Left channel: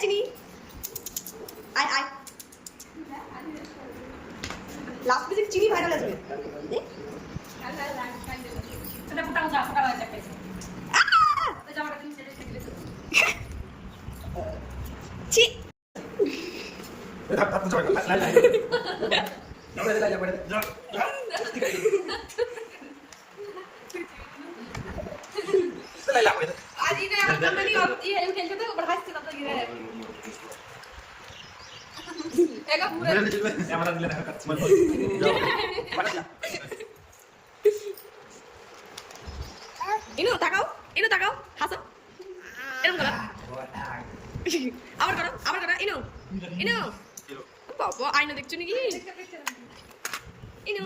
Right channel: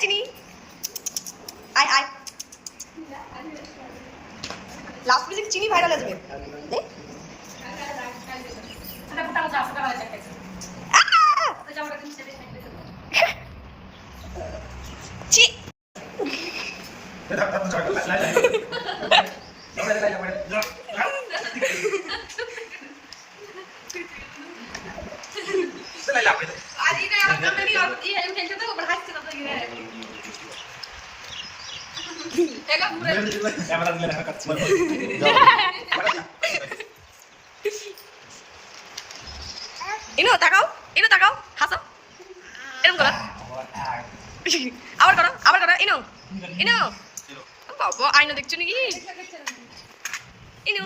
চিনি আয় আয় লাস্ট মিউজিক চিনি ভাইরাল আসবে ইনো তাকাও হাসো এরকম করো আবার করো ইনো বাবা আইনা দেখছো নাকি ইনো